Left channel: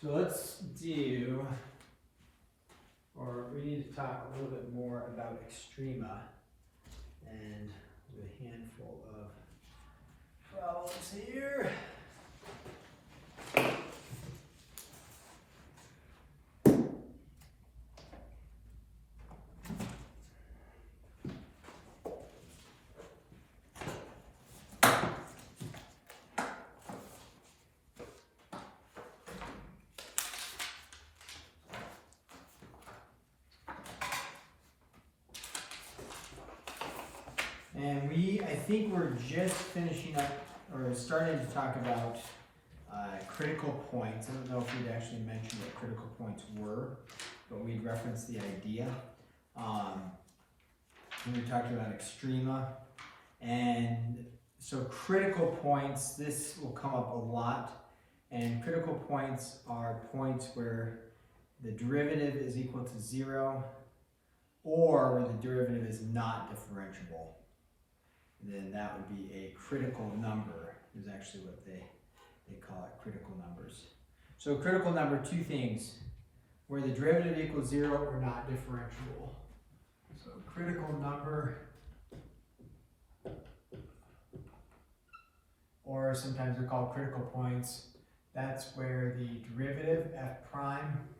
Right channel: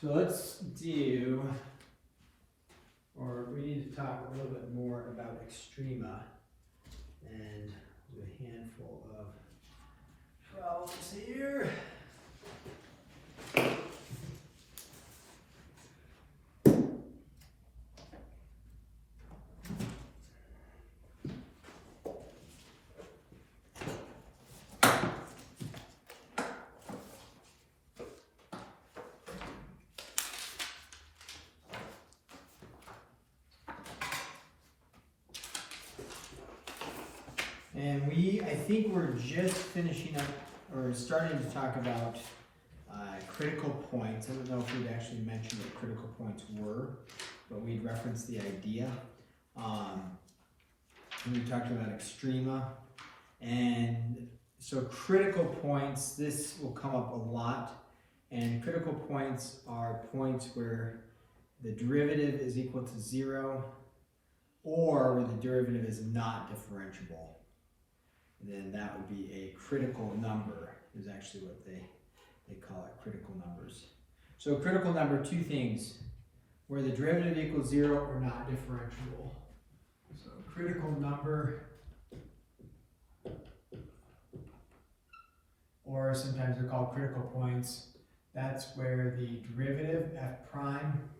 So let's do, or we need to talk a little bit more about Extrema and a handful of problems here. And I think we're just finishing up, or starting to talk about critical points. I don't know if we'd actually mentioned what critical points were, but we'd referenced the idea. We talked about Extrema. And so critical points, this will come up a lot. And critical points are points where the derivative is equal to 0 or where the derivative is not differentiable. And then that would be a critical number, is actually what they call it, critical numbers. So critical number, two things, where the derivative equals 0 or not differentiable. So critical number, or sometimes they're called critical points, that's where the derivative f prime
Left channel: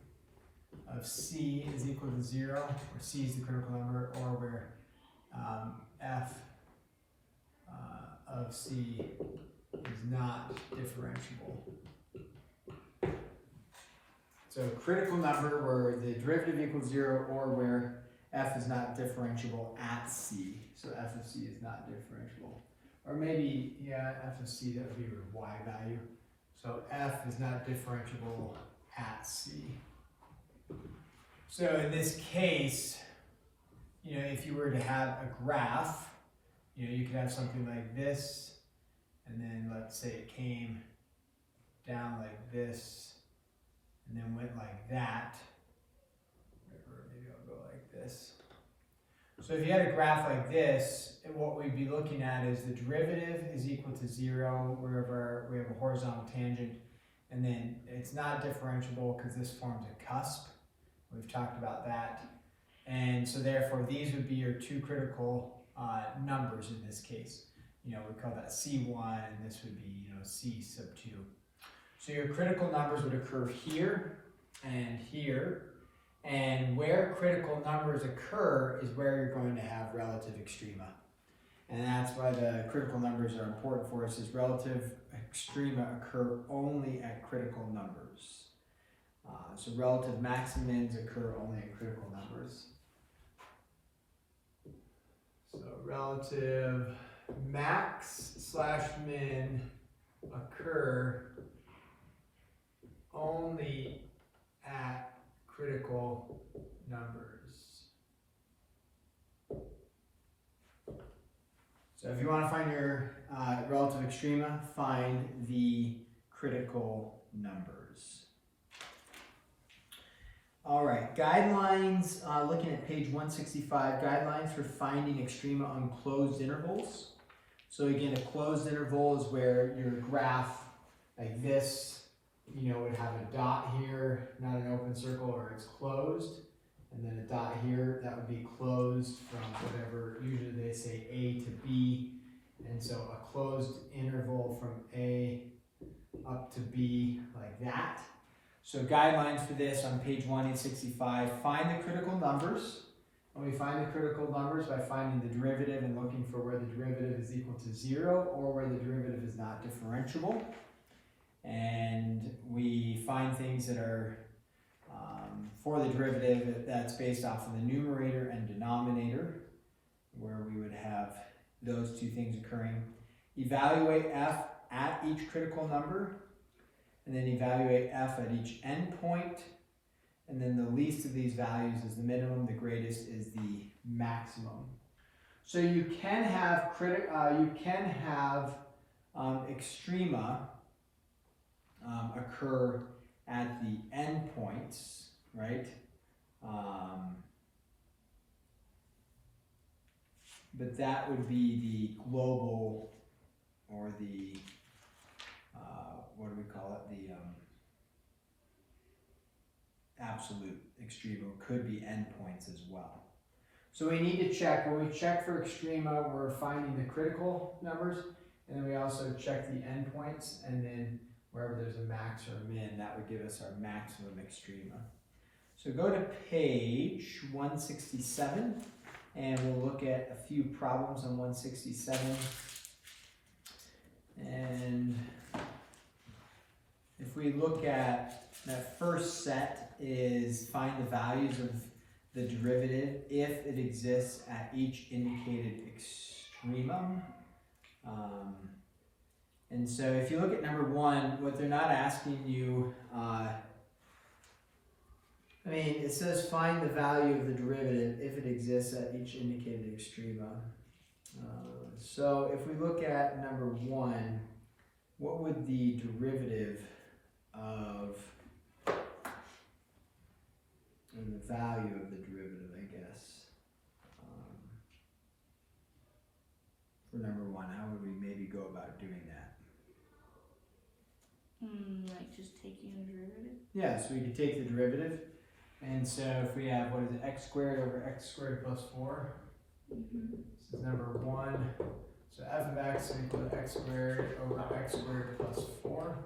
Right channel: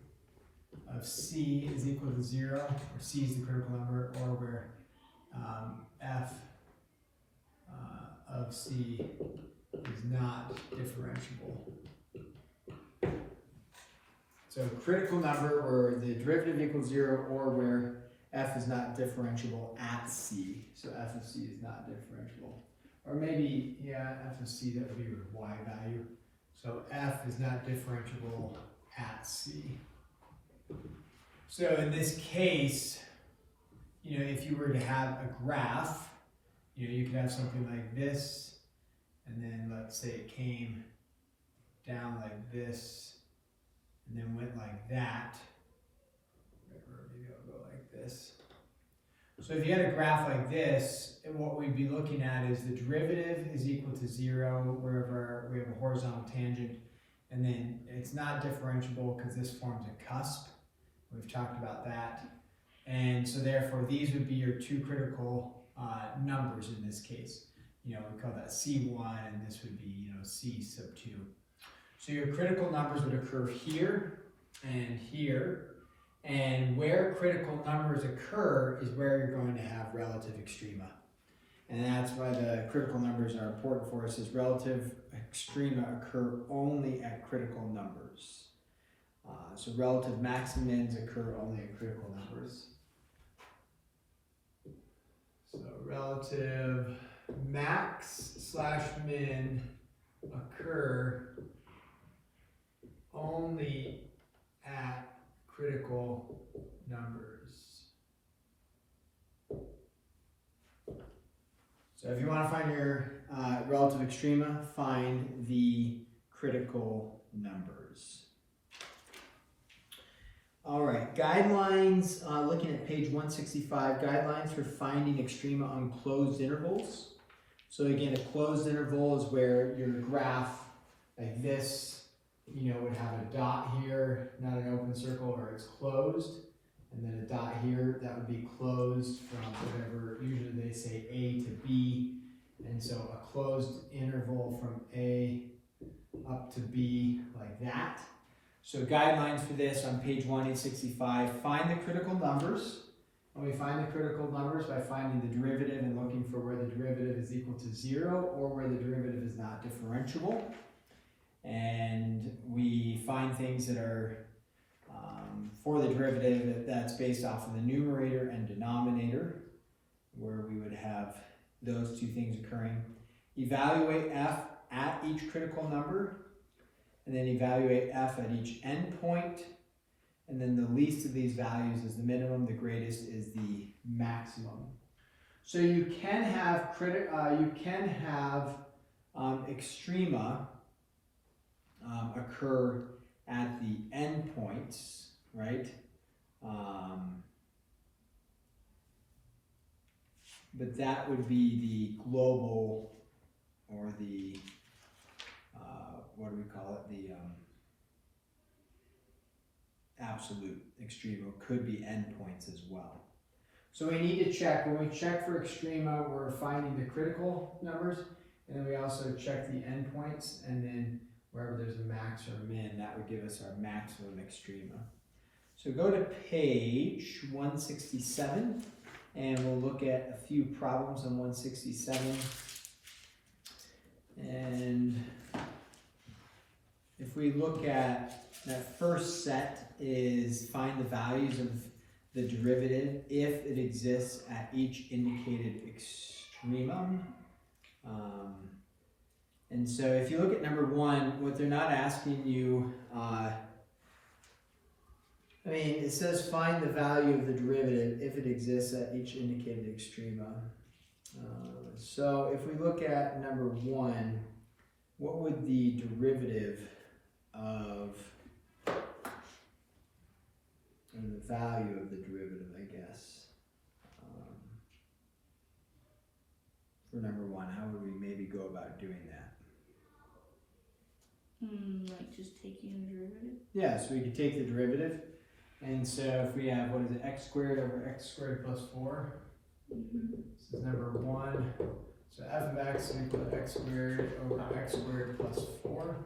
of c is equal to 0, or c is the critical number, or where f of c is not differentiable. So critical number where the derivative equals 0 or where f is not differentiable at c. So f of c is not differentiable. Or maybe, yeah, f of c, that would be your y value. So f is not differentiable at c. So in this case, if you were to have a graph, you could have something like this, and then let's say it came down like this, and then went like that. Or maybe I'll go like this. So if you had a graph like this, and what we'd be looking at is the derivative is equal to 0 wherever we have a horizontal tangent, and then it's not differentiable because this forms a cusp. We've talked about that. And so therefore these would be your two critical numbers in this case. We call that C1, and this would be, C sub 2. So your critical numbers would occur here and here. And where critical numbers occur is where you're going to have relative extrema. And that's why the critical numbers are important for us, is relative extrema occur only at critical numbers. So relative maximins occur only at critical numbers. So relative max slash min occur only at critical numbers. So if you want to find your relative extrema, find the critical numbers. All right, guidelines, looking at page 165, guidelines for finding extrema on closed intervals. So again, a closed interval is where your graph, like this, would have a dot here, not an open circle, or it's closed. And then a dot here, that would be closed from whatever, usually they say A to B. And so a closed interval from A up to B, like that. So guidelines for this on page 165, find the critical numbers. And we find the critical numbers by finding the derivative and looking for where the derivative is equal to 0 or where the derivative is not differentiable. And we find things that are for the derivative that's based off of the numerator and denominator, where we would have those two things occurring. Evaluate f at each critical number, and then evaluate f at each endpoint, and then the least of these values is the minimum, the greatest is the maximum. So you can have extrema occur at the endpoints, right? But that would be the global, or the what do we call it? absolute extrema, could be endpoints as well. So we need to check, when we check for extrema, we're finding the critical numbers, and then we also check the endpoints, and then wherever there's a max or a min, that would give us our maximum extrema. So go to page 167, and we'll look at a few problems on 167. And if we look at that first set is find the values of the derivative if it exists at each indicated extremum. And so if you look at number one, what they're not asking you, I mean, it says find the value of the derivative if it exists at each indicated extrema. So if we look at number one, what would the derivative of, and the value of the derivative, I guess, for number one, how would we maybe go about doing that? Like just taking the derivative? Yeah, so we could take the derivative, and so if we have, what is it, x squared over x squared plus 4, this is number one, so f of x equal to x squared over x squared plus 4.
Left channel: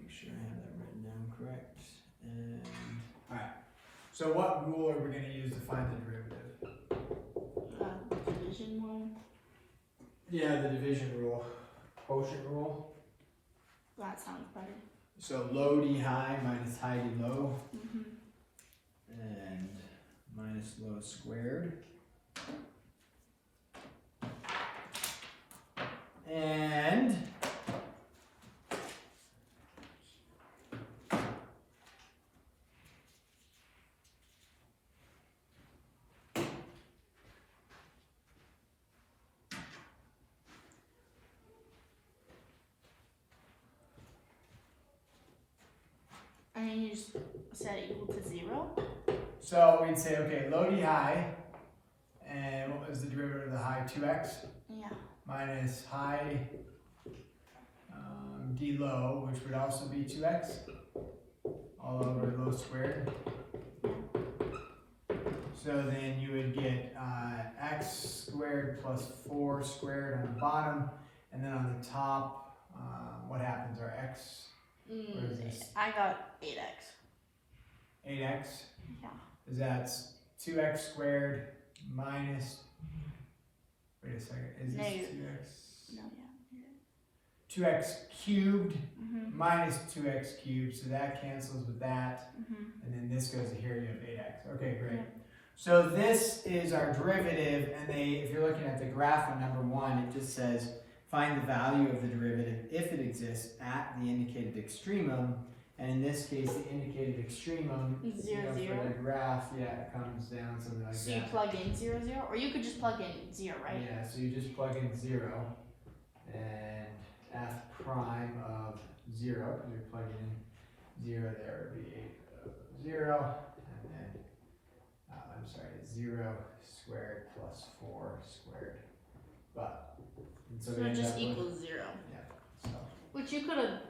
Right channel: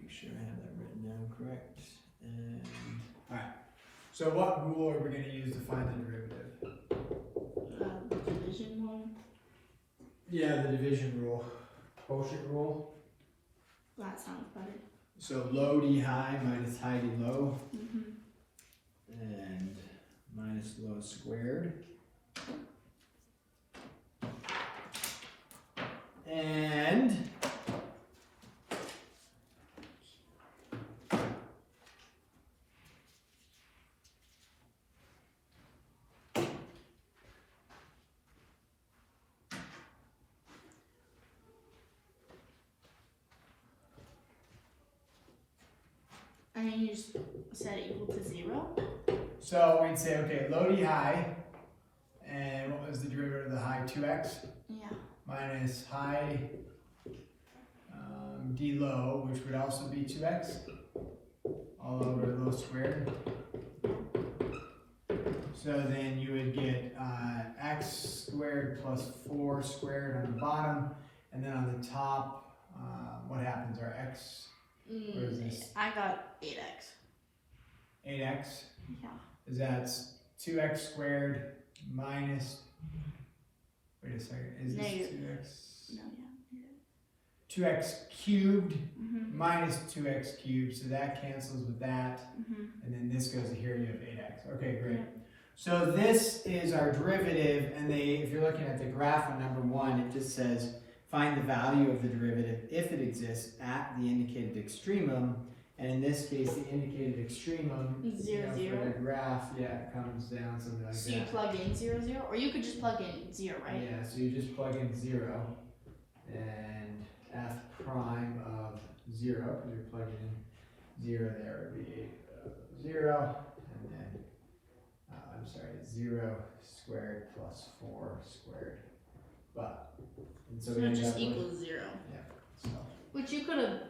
Make sure I have that written down correct. And alright, so what rule are we going to use to find the derivative? Division one. Yeah, the division rule, quotient rule. That sounds better. So low d high minus high d low, and minus low squared. And and then you just set it equal to 0? so we'd say, okay, low d high, and what was the derivative of the high? 2x Yeah. minus high d low, which would also be 2x, all over low squared. So then you would get x squared plus 4 squared on the bottom, and then on the top, what happens? Our x, what is this? I got 8x. 8x? Yeah. Is that 2x squared minus, wait a second, is this Negative. 2x? No, yeah. 2x cubed minus 2x cubed, so that cancels with that, and then this goes to here, you have 8x. Okay, great. Yeah. So this is our derivative, and if you're looking at the graph on number one, it just says find the value of the derivative if it exists at the indicated extremum, and in this case, the indicated extremum, for the graph, it comes down something like that. So you plug in 0, 0, or you could just plug in 0, right? Yeah, so you just plug in 0, and f prime of 0, because you're plugging in 0 there would be 0, and then, I'm sorry, 0 squared plus 4 squared. And so So we it end just up with, equals 0. yeah, so. Which you could have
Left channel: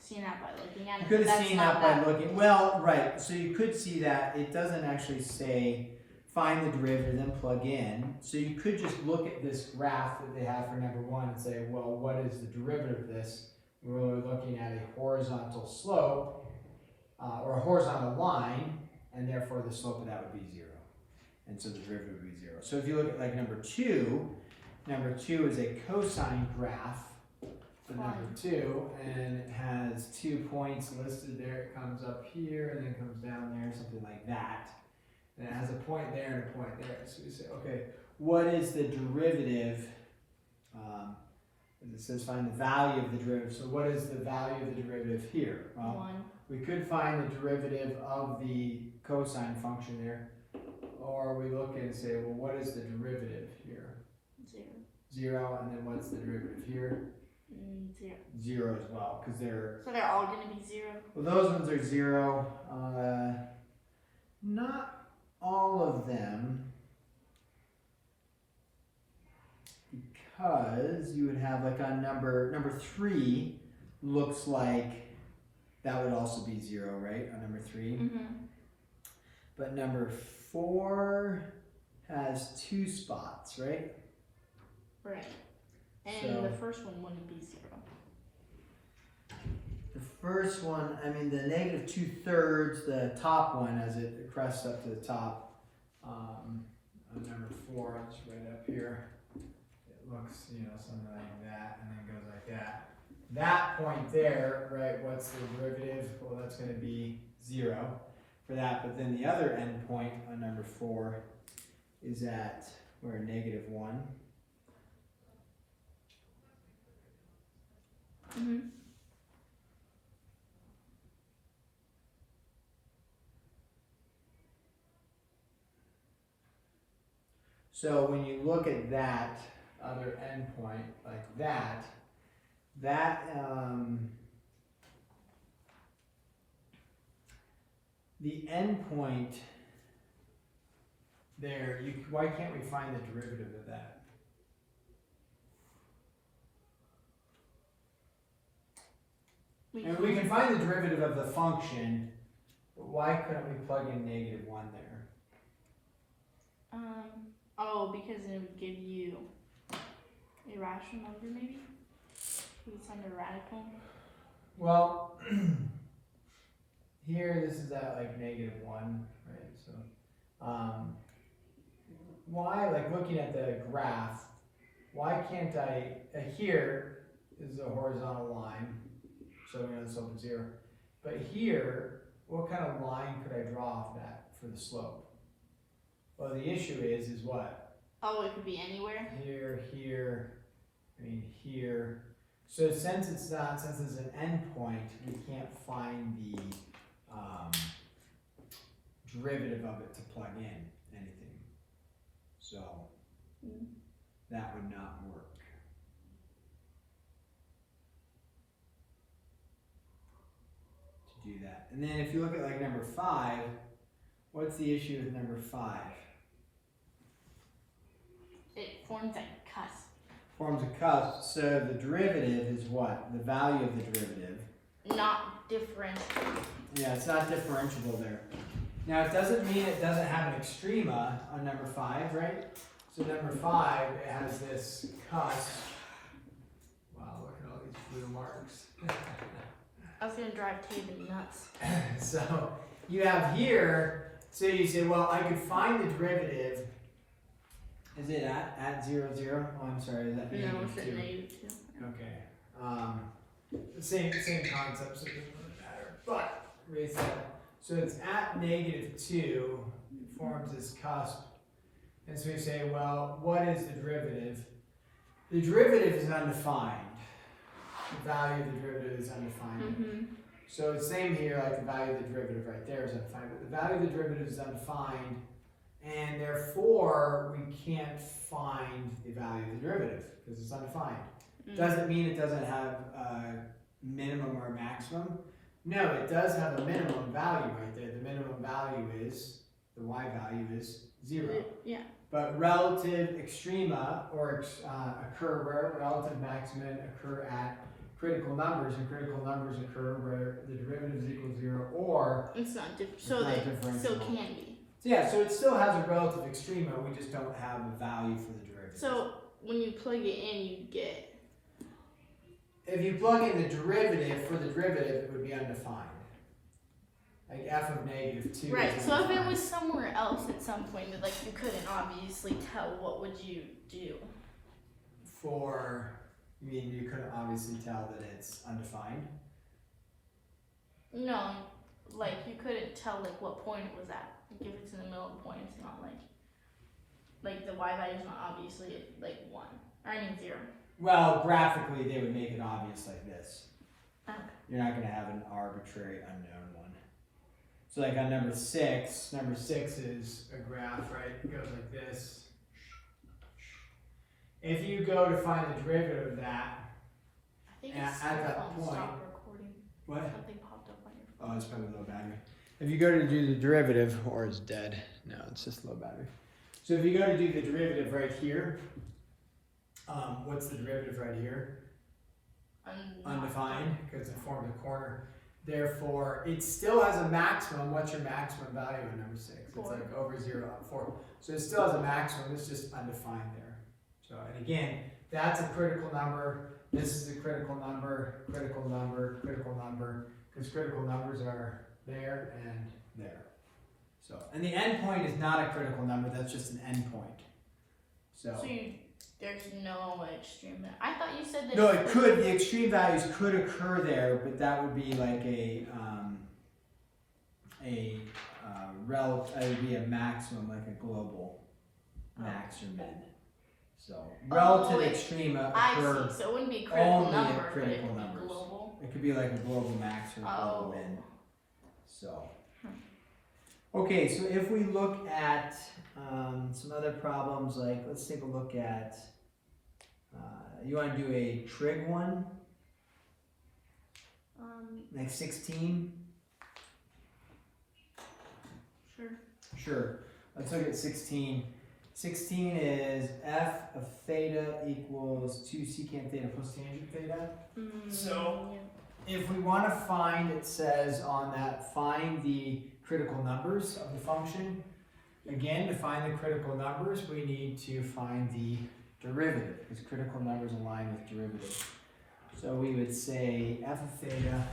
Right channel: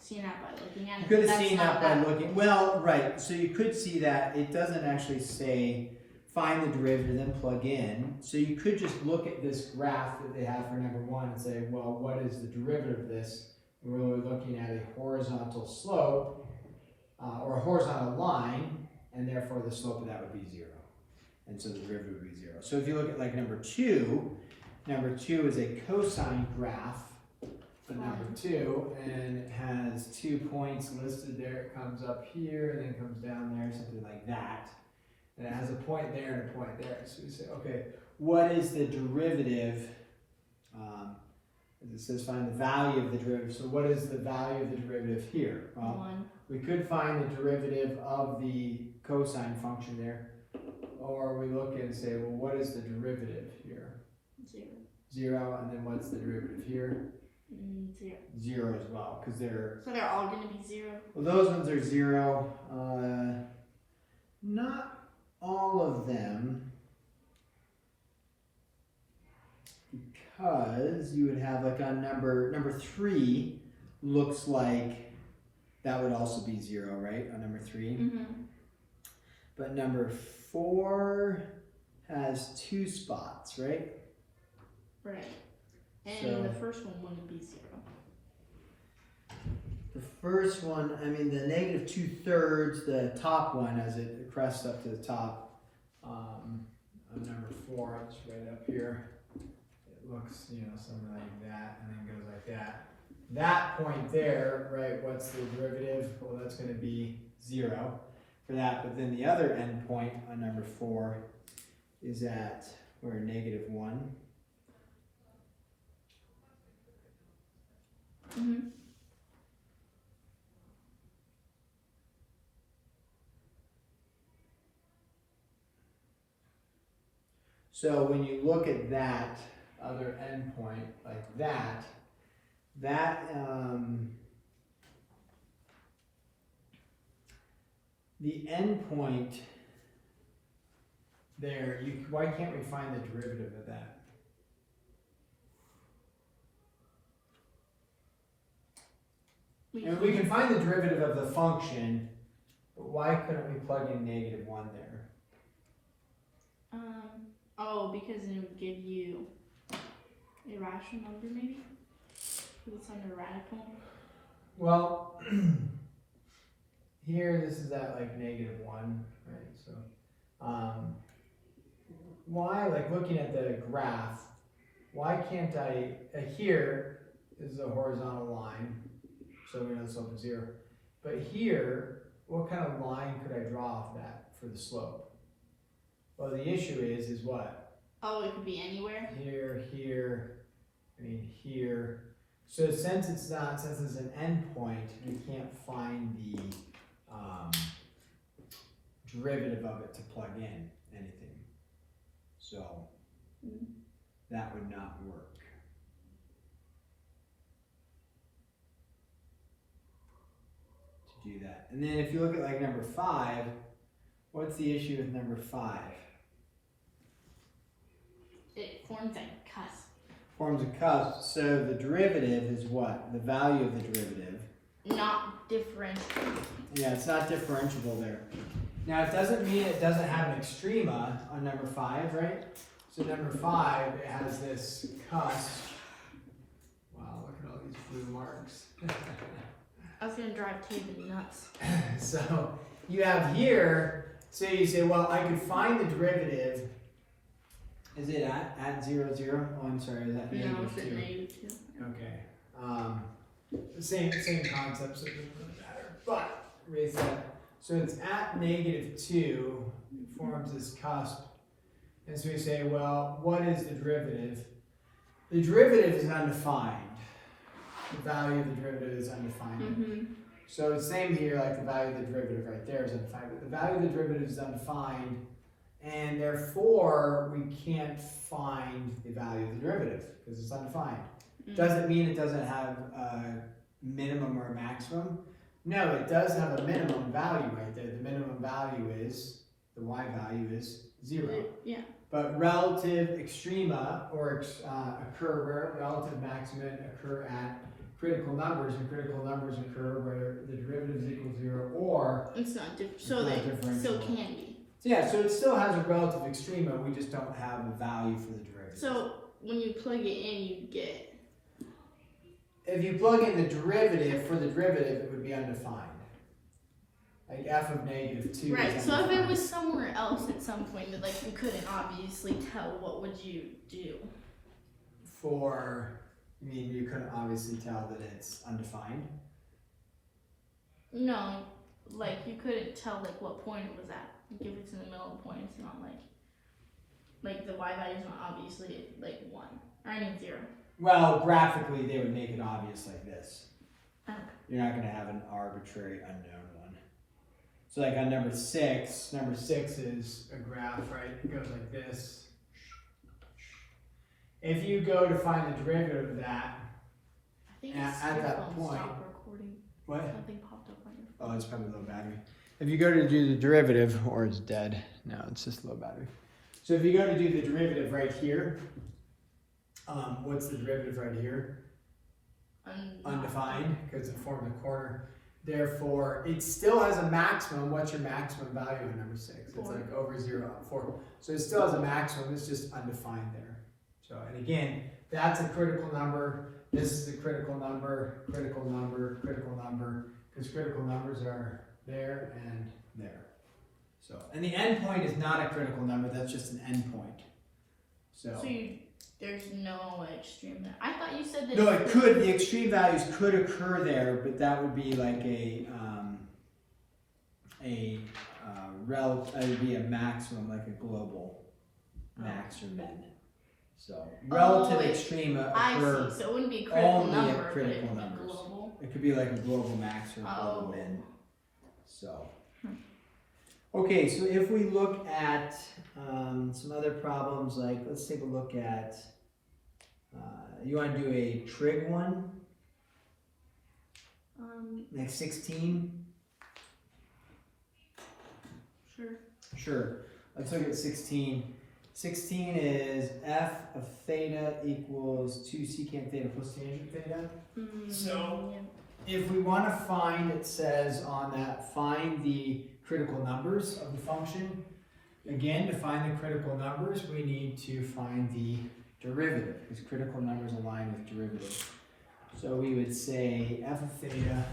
seen out by looking at it. You could have That's seen not out by that- looking, well, right, so you could see that it doesn't actually say find the derivative, then plug in. So you could just look at this graph that they have for number one and say, well, what is the derivative of this? We're looking at a horizontal slope, or a horizontal line, and therefore the slope of that would be 0. And so the derivative would be 0. So if you look at like number two is a cosine graph for number 2, and it has 2 points listed there. It comes up here, and then comes down there, something like that. And it has a point there and a point there. So we say, okay, what is the derivative? As it says, find the value of the derivative. So what is the value of the derivative here? Well, 1. we could find the derivative of the cosine function there. Or we look and say, well, what is the derivative here? 0. 0, and then what's the derivative here? 0. 0 as well, because they're, So they're all going to be 0? well, those ones are 0. Not all of them, because you would have like on number 3 looks like that would also be 0, right, on number 3? Mm-hmm. But number 4 has 2 spots, right? Right. And So- the first one wouldn't be 0. The first one, I mean, the negative 2/3, the top one, as it crests up to the top, on number 4, it's right up here. It looks, something like that, and then goes like that. That point there, right, what's the derivative? Well, that's going to be 0 for that, but then the other end point on number 4 is at, where, -1. Mm-hmm. So when you look at that other endpoint like that, the endpoint there, why can't we find the derivative of that? And we can find the derivative of the function, but why couldn't we plug in -1 there? Oh, because it would give you a rational number, maybe? Because it's under radical. Well, here this is at like -1, right? So, why, like looking at the graph, why can't I, here is a horizontal line, so we know the slope is 0. But here, what kind of line could I draw off that for the slope? Well, the issue is what? Oh, it could be anywhere? Here, here. So since it's an endpoint, we can't find the derivative of it to plug in anything. So that would not work. To do that. And then if you look at like number 5, what's the issue with number 5? It forms a cusp. Forms a cusp, so the derivative is what? The value of the derivative. Not differentiable. Yeah, it's not differentiable there. Now it doesn't mean it doesn't have an extrema on number 5, right? So number 5, it has this cusp. Wow, look at all these blue marks. I was gonna drive David nuts. So you have here, so you say, well, I could find the derivative. Is it at 0, 0? Oh, I'm sorry, is that No, -2? it's at -2. Okay. Same concept, so it doesn't really matter. But raise that. So it's at -2, it forms this cusp. And so we say, well, what is the derivative? The derivative is undefined. The value of the derivative is undefined. Mm-hmm. So it's same here, like the value of the derivative right there is undefined, but the value of the derivative is undefined, and therefore we can't find the value of the derivative because it's undefined. Doesn't mean it doesn't have a minimum or a maximum. No, it does have a minimum value right there. The minimum value is, the y value is 0. Yeah. But relative extrema occur where relative maxima occur at critical numbers, and critical numbers occur where the derivative is equal to 0 or It's not different. It's So not they differentiable. still can be. so yeah, so it still has a relative extrema, we just don't have a value for the derivative. So when you plug it in, you get. If you plug in the derivative, for the derivative, it would be undefined. Like f of -2 Right. is So if it undefined. was somewhere else at some point that like you couldn't obviously tell, what would you do? You mean you couldn't obviously tell that it's undefined? No, like you couldn't tell like what point it was at. Like if it's in the middle of the point, it's not like the y value is not obviously like 1. Or I mean 0. Well, graphically, they would make it obvious like this. Okay. You're not going to have an arbitrary unknown one. So like on number 6 is a graph, right? It goes like this. If you go to find the derivative of that, I think at it's that stop point- recording. what? Something popped up on your phone. Oh, it's probably low battery. If you go to do the derivative, or it's dead. No, it's just low battery. So if you go to do the derivative right here, what's the derivative right here? Undefined, because it forms a corner. Therefore, it still has a maximum. What's your maximum value in number 6? It's 4. like over 0, 4. So it still has a maximum, it's just undefined there. So, and again, that's a critical number. This is a critical number, critical number, critical number, because critical numbers are there and there. So, and the endpoint is not a critical number, that's just an endpoint. So there's no extreme there. I thought you said that. no, it could, the extreme values could occur there, but that would be like it would be a maximum, like a global max or min. So relative extrema occur I see. So it wouldn't be a critical only number, at critical but it would be numbers. global. It could be like a global max or a global Oh. min. So, okay, so if we look at some other problems, like let's take a look at, you want to do a trig one, like 16? Sure. Sure, let's look at 16. 16 is f of theta equals 2 secant theta plus tangent theta. So, if we want to find, it says on that, find the critical numbers of the function. Again, to find the critical numbers, we need to find the derivative, because critical numbers align with derivatives. So we would say f of theta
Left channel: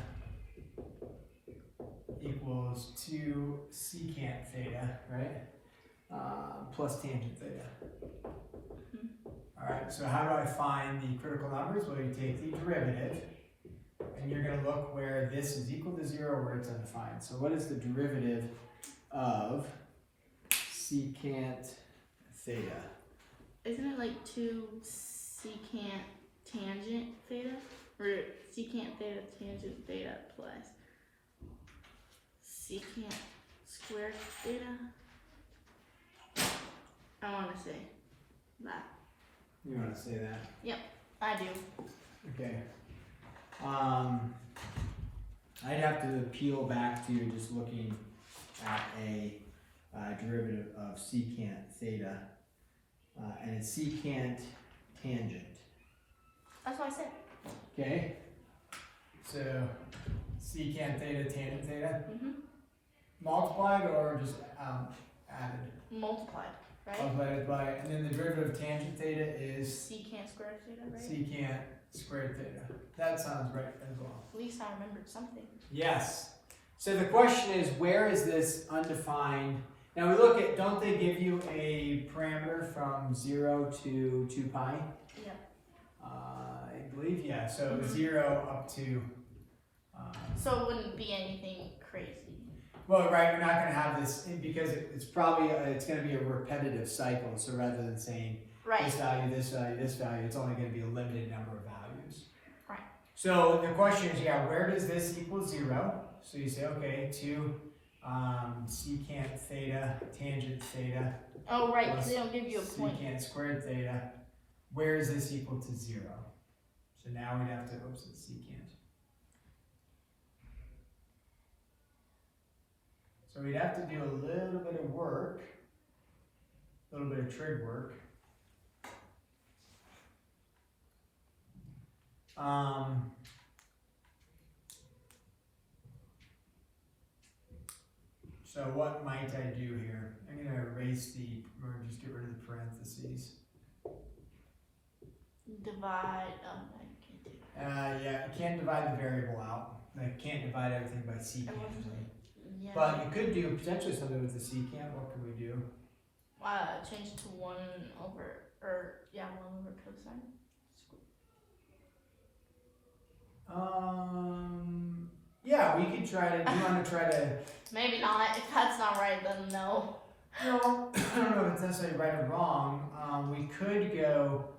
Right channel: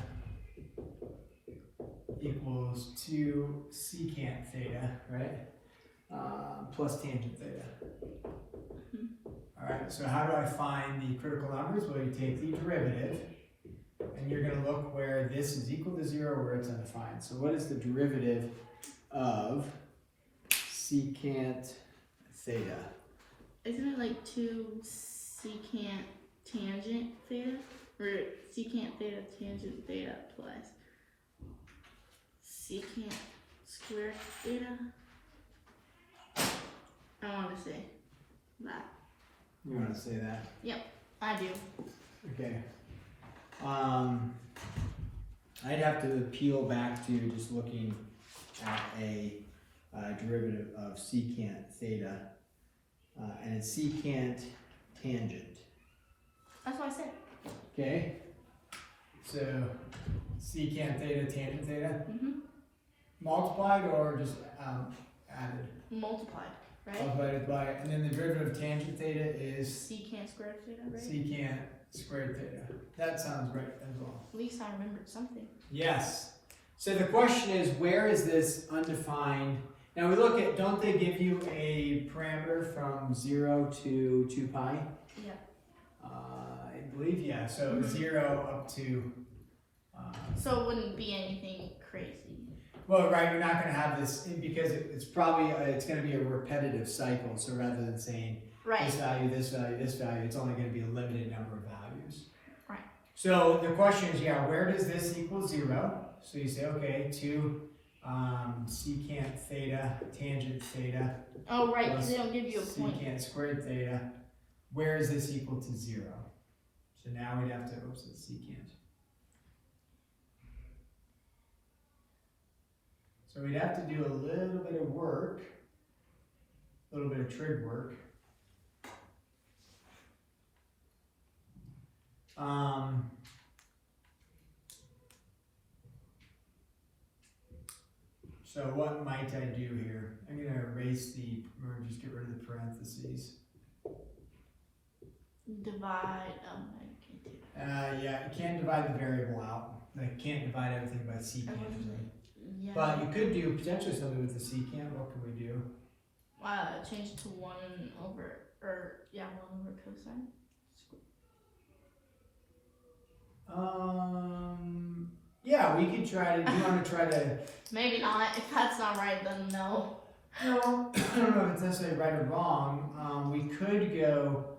equals 2 secant theta, right? Plus tangent theta. Alright, so how do I find the critical numbers? Well, you take the derivative, and you're going to look where this is equal to 0, where it's undefined. So what is the derivative of secant theta? Isn't it like 2 secant tangent theta? Or secant theta tangent theta plus secant squared theta? I want to say that. You want to say that? I do. Okay. I'd have to peel back to just looking at a derivative of secant theta, and it's secant tangent. That's what I said. Okay. So secant theta, tangent theta, multiplied or just added? Multiplied, right? Multiplied by, and then the derivative of tangent theta is Secant squared theta, right? secant squared theta. That sounds right as well. At least I remembered something. Yes. So the question is, where is this undefined? Now we look at, don't they give you a parameter from 0 to 2 pi? Yeah. I believe, yeah. So 0 up to. So it wouldn't be anything crazy. Well, right, you're not going to have this, because it's probably, it's going to be a repetitive cycle. So rather than saying this value, this value, this value, it's only going to be a limited number of values. Right. So the question is, yeah, where does this equal 0? So you say, okay, 2 secant theta, tangent theta. Oh, right, because they don't give you a point. Secant squared theta. Where is this equal to 0? So now we'd have to, oops, it's secant. So we'd have to do a little bit of work, a little bit of trig work. So what might I do here? I'm going to erase or just get rid of the parentheses. Divide, I can't do Yeah, you can't divide the variable out. You can't divide everything by secant usually. Yeah. But you could do potentially something with the secant. What could we do? Change it to 1 over cosine. Yeah, we could try to, do you want to try to, Maybe not. If that's not right, then no. no, I don't know if it's necessarily right or wrong. We could go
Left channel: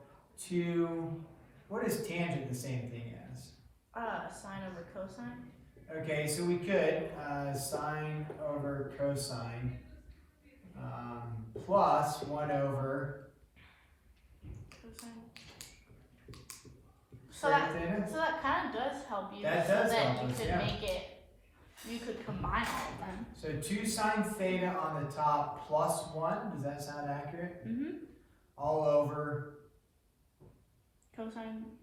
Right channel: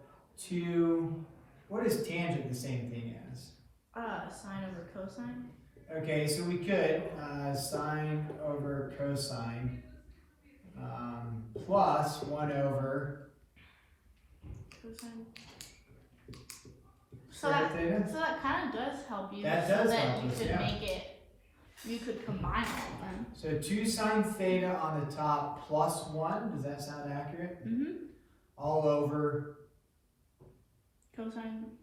to, what is tangent the same thing as? Sine over cosine. Okay, so we could sine over cosine plus 1 over Cosine. So square theta. that kind of does help you. That so does that help you us, could yeah. make it. You could combine all of them. So 2 sine theta on the top plus 1, does that sound accurate? Mm-hmm. All over Cosine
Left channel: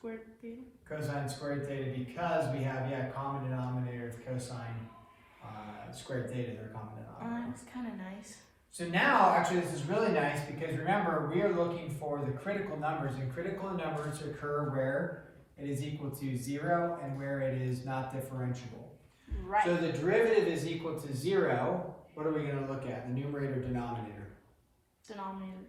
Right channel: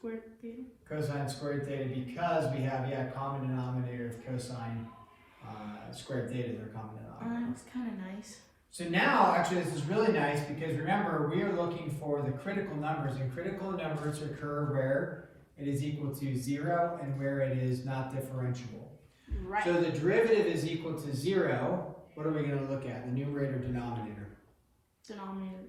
squared theta. Cosine squared theta, because we have, common denominator of cosine squared theta, their common denominator. Looks kind of nice. So now, actually, this is really nice because remember, we are looking for the critical numbers, and critical numbers occur where it is equal to 0 and where it is not differentiable. Right. So the derivative is equal to 0. What are we going to look at? The numerator, denominator. Denominator.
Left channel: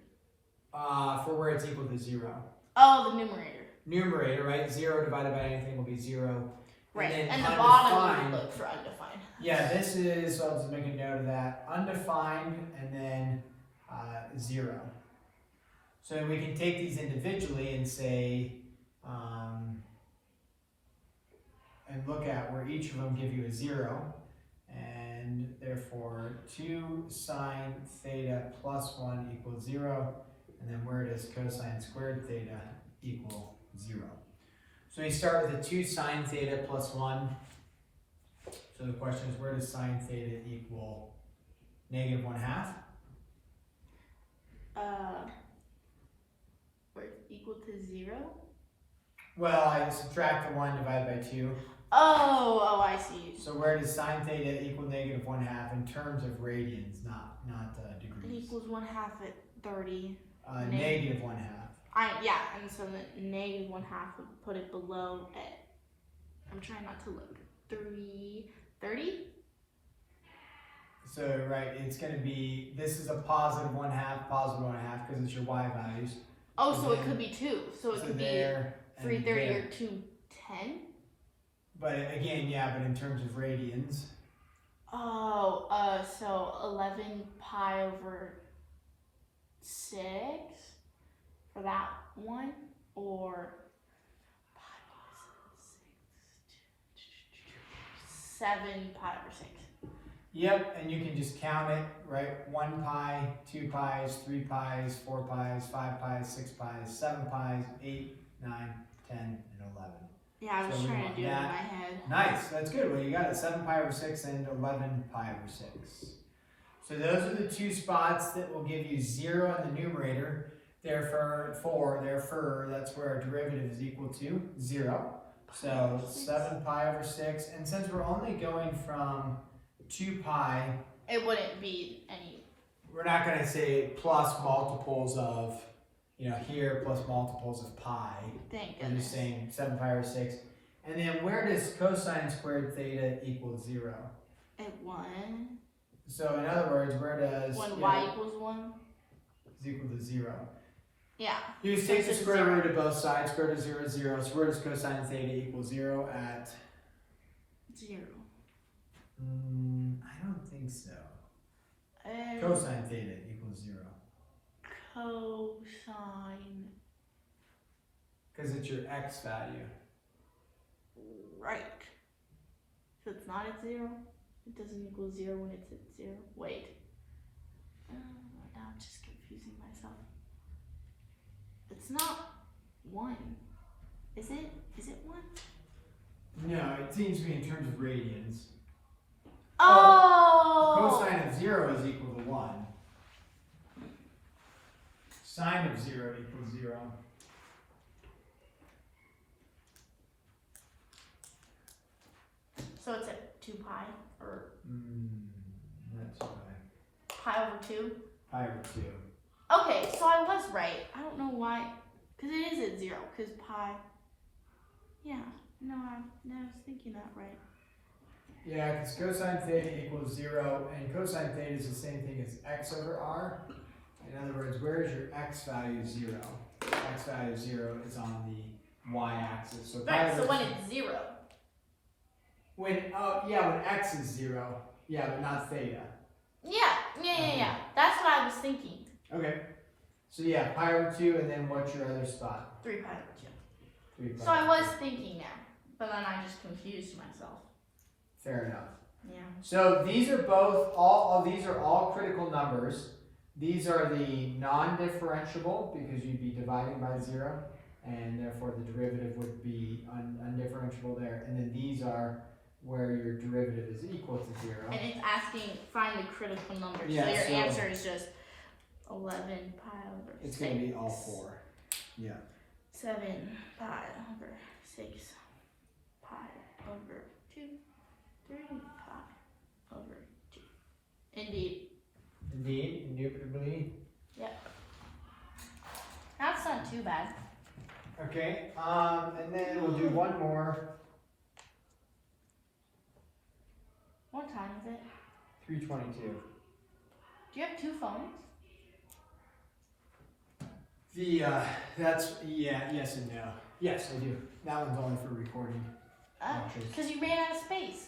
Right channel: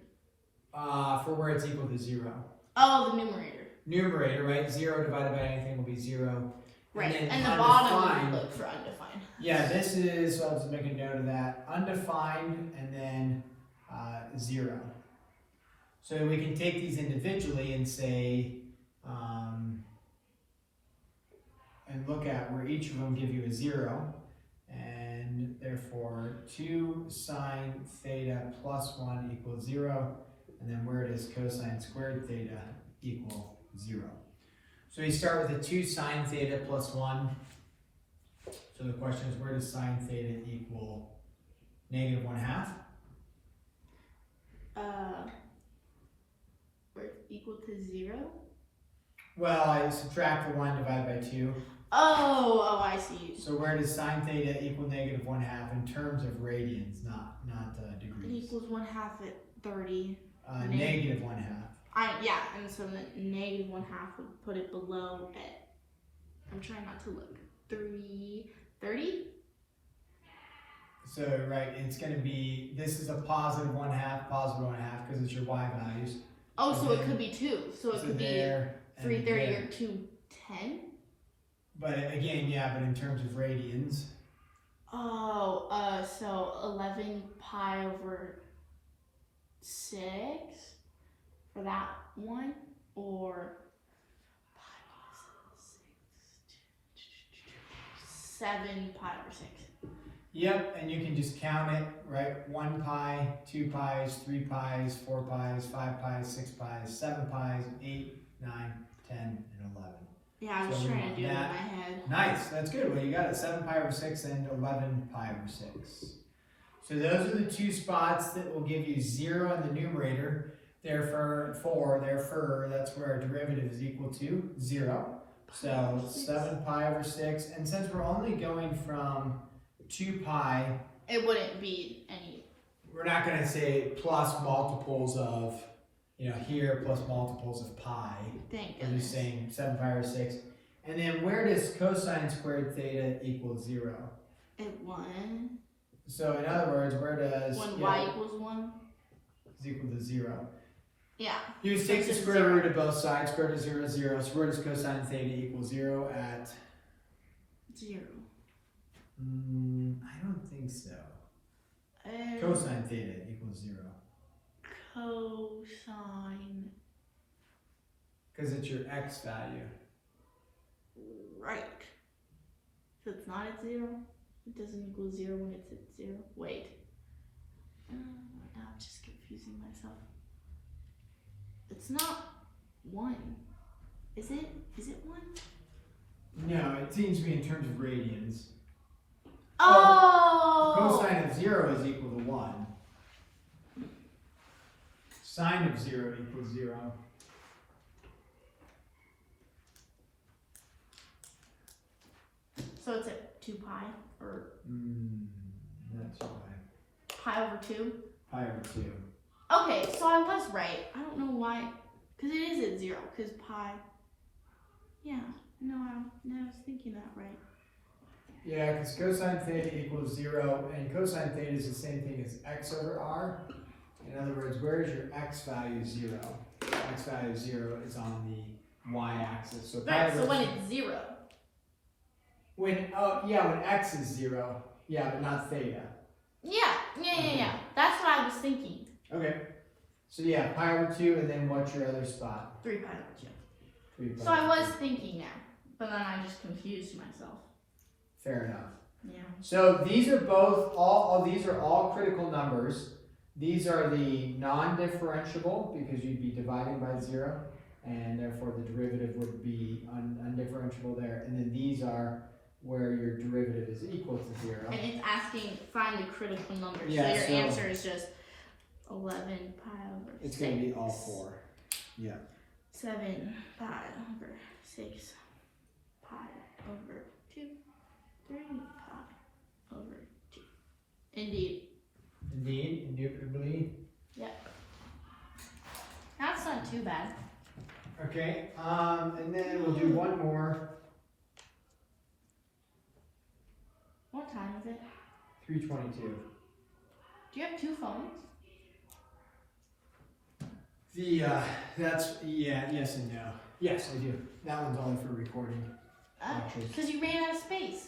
For where it's equal to 0. Oh, the numerator. Numerator, right? 0 divided by anything will be 0. Right. And, And then the bottom undefined. would look for undefined. Yeah, this is, so I'll just make a note of that. Undefined and then 0. So we can take these individually and say, and look at where each of them give you a 0. And therefore 2 sine theta plus 1 equals 0. And then where does cosine squared theta equal 0? So we start with the 2 sine theta plus 1. So the question is, where does sine theta equal negative 1/2? Where it's equal to 0? Well, I subtract the 1, divide by 2. Oh, I see. So where does sine theta equal negative 1/2 in terms of radians, not It degrees? equals 1/2 at 30. Negative 1/2. Yeah, and so the negative 1/2 would put it below at, I'm trying not to look, 30? So, right, it's going to be, this is a positive 1/2, positive 1/2, because it's your y values. Oh, And so it then- could be 2. So it could be there and 330 there. or 210? But again, but in terms of radians. Oh, so 11 pi over 6 for that one, or 7 pi over 6. Yep, and you can just count it, right? 1 pi, 2 pies, 3 pies, 4 pies, 5 pies, 6 pies, 7 pies, 8, 9, 10, and 11. Yeah, I was So we trying want to do it in that. my head. Nice, that's good. Well, you got it 7 pi over 6 and 11 pi over 6. So those are the two spots that will give you 0 in the numerator. Therefore, that's where our derivative is equal to 0. So 7 pi over 6. And since we're only going from 2 pi, It wouldn't be any. we're not going to say plus multiples of, here plus multiples of pi. Thank We're goodness. just saying 7 pi over 6. And then where does cosine squared theta equal 0? At 1. So in other words, where does When y equals 1. is equal to 0? Yeah. You just take the Since it's square 0. root of both sides, square root of 0 is 0. So where does cosine theta equal 0 at? 0. I don't think so. And Cosine theta equals 0. cosine. Because it's your x value. Right. So it's not at 0. It doesn't equal 0 when it's at 0. Wait. Now I'm just confusing myself. It's not 1. Is it? Is it 1? No, it seems to be in terms of radians. Oh! Cosine of 0 is equal to 1. Sine of 0 equals 0. So it's at 2 pi? Or Not too high. pi over 2? Pi over 2. Okay, so I was right. I don't know why. Because it is at 0. Because pi. Yeah. No, I was thinking that right. Yeah, because cosine theta equals 0, and cosine theta is the same thing as x over r. In other words, where is your x value 0? X value 0 is on the y-axis. So pi Right, so over when it's 0. when x is 0, but not theta. Yeah. That's what I was thinking. Okay. So pi over 2, and then what's your other spot? 3 pi over 2. 3 pi So I over was 2. thinking now. But then I just confused myself. Fair enough. Yeah. So these are these are all critical numbers. These are the non-differentiable because you'd be dividing by 0, and therefore the derivative would be undifferentiable there. And then these are where your derivative is equal to 0. And it's asking find the critical numbers. Yeah, so so- your answer is just 11 pi over 6. It's going to be all 4. Yeah. 7 pi over 6 pi over 2, 3 pi over 2. Indeed. Indeed, indubitably. Yep. That's not too bad. Okay, and then we'll do one more. What time is it? 3:22. Do you have 2 phones? Yes and no. Yes, I do. That one's only for recording. Because you ran out of space.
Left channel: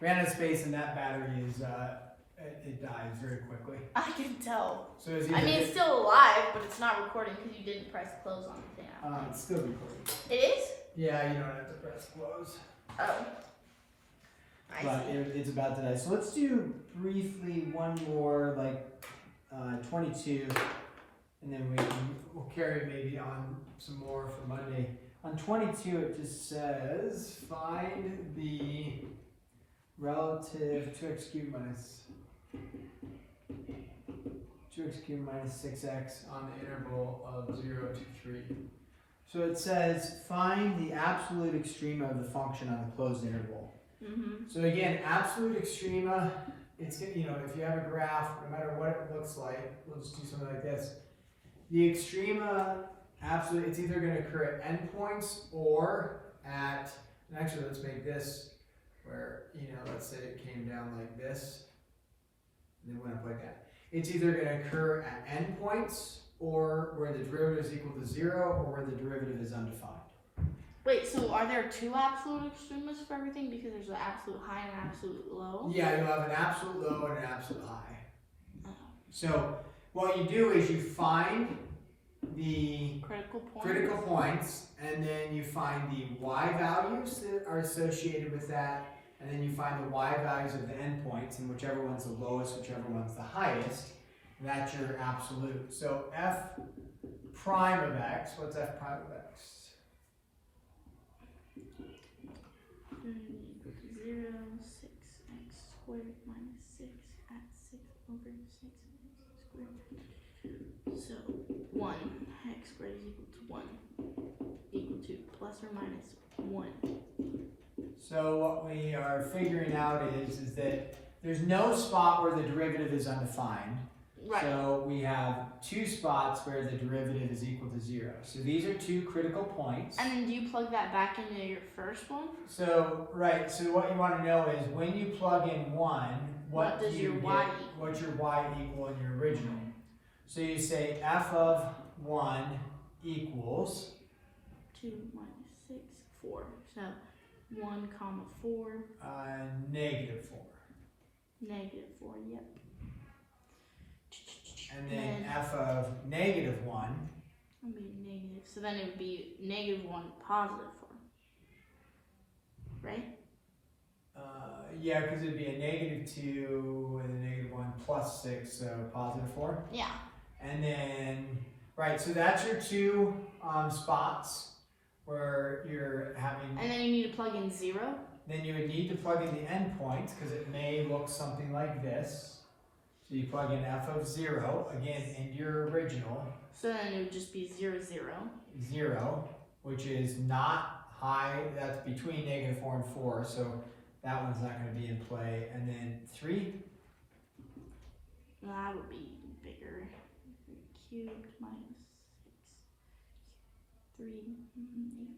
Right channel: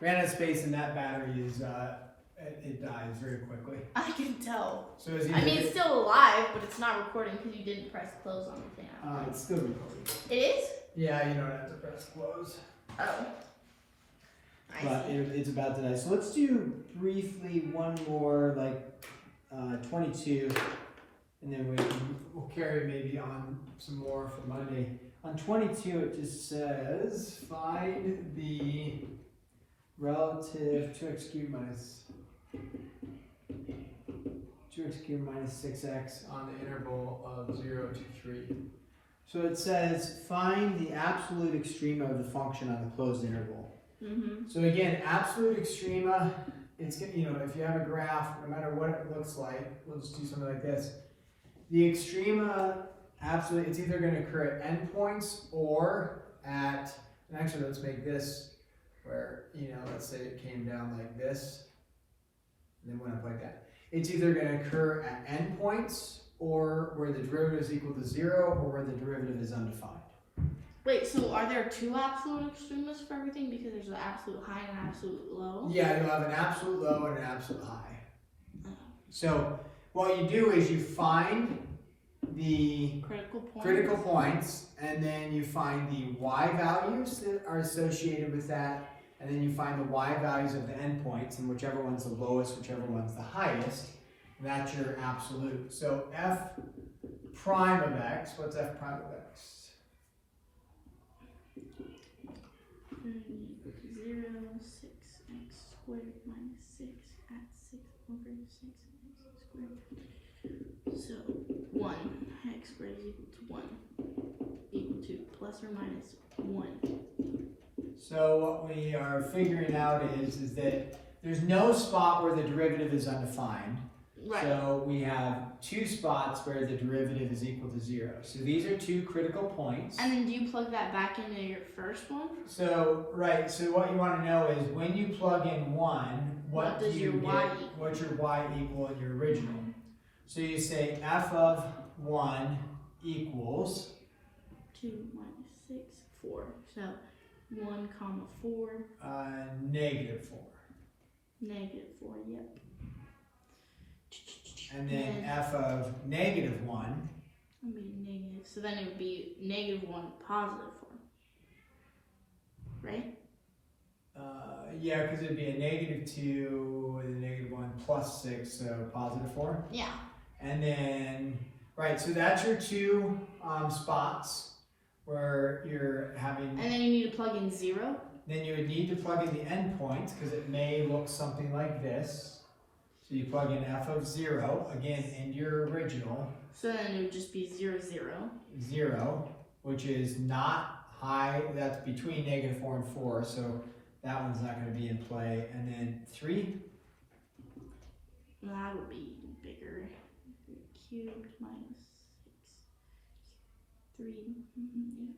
Ran out of space and that battery is, it dies very quickly. I can tell. So it's I mean, it's still alive, but it's not recording because you didn't press close on the thing. it's still recording. It is? Yeah, you don't have to press close. Oh. But it's about to die. So let's do briefly one more, like 22, and then we'll carry maybe on some more for Monday. On 22, it just says find the relative 2x cubed minus 6x on the interval of 0 to 3. So it says find the absolute extrema of the function on the closed interval. Mm-hmm. So again, absolute extrema, it's, if you have a graph, no matter what it looks like, we'll just do something like this. The extrema, absolutely, it's either going to occur at endpoints or at, and actually let's make this where, let's say it came down like this, and then went up like that. It's either going to occur at endpoints or where the derivative is equal to 0 or where the derivative is undefined. Wait, so are there 2 absolute extremas for everything? Because there's an absolute high and an absolute low? Yeah, you'll have an absolute low and an absolute high. Oh. So what you do is you find the critical points, and then you find the y values that are associated with that, and then you find the y values of the endpoints, and whichever one's the lowest, whichever one's the highest, that's your absolute. So f prime of x, what's f prime of x? 0, 6x squared minus 6 at 6 over 6x squared. So 1, x squared is equal to plus or minus 1. So what we are figuring out is that there's no spot where the derivative is undefined. Right. So we have 2 spots where the derivative is equal to 0. So these are 2 critical points. And then do you plug that back into your first one? So, right, so what you want to know is when you plug in 1, what do you get? What's your y equal in your original? So you say f of 1 equals 2 minus 6, 4. So 1 comma 4. Negative 4. Negative 4, yep. And then f of negative 1. It would be negative. So then it would be negative 1, positive 4. Right? Yeah, because it'd be a negative 2 and a negative 1 plus 6, so positive 4. Yeah. And then, right, so that's your 2 spots where you're having. And then you need to plug in 0. Then you would need to plug in the endpoints because it may look something like this. So you plug in f of 0, again, in your original. So then it would just be 0, 0. 0, which is not high, that's between negative 4 and 4, so that one's not going to be in play. And then 3. Well, that would be bigger. Cubed minus 6. 3.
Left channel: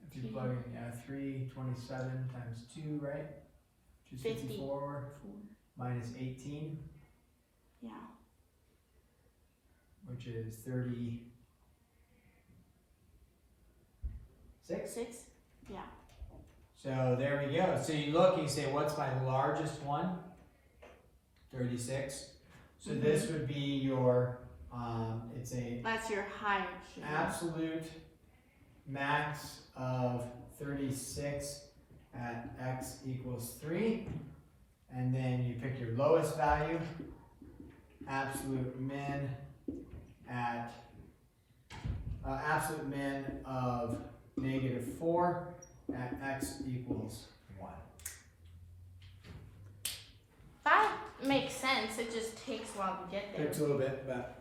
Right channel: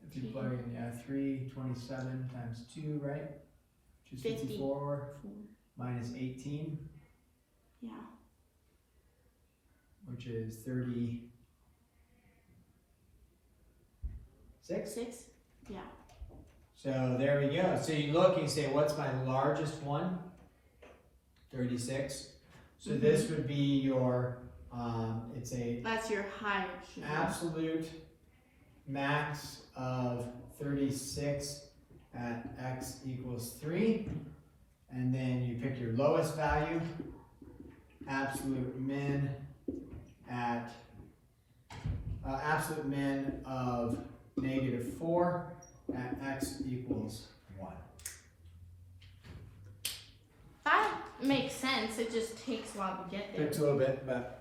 If you plug in 3, 27 times 2, right? Which is 54 minus 18. Yeah. Which is 36. 6? Yeah. So there we go. So you look and you say, what's my largest one? 36. So this would be your, it's a that's your higher extreme. Absolute max of 36 at x equals 3. And then you pick your lowest value. Absolute min at absolute min of negative 4 at x equals 1. That makes sense. It just takes a while to get there. Takes a little bit, but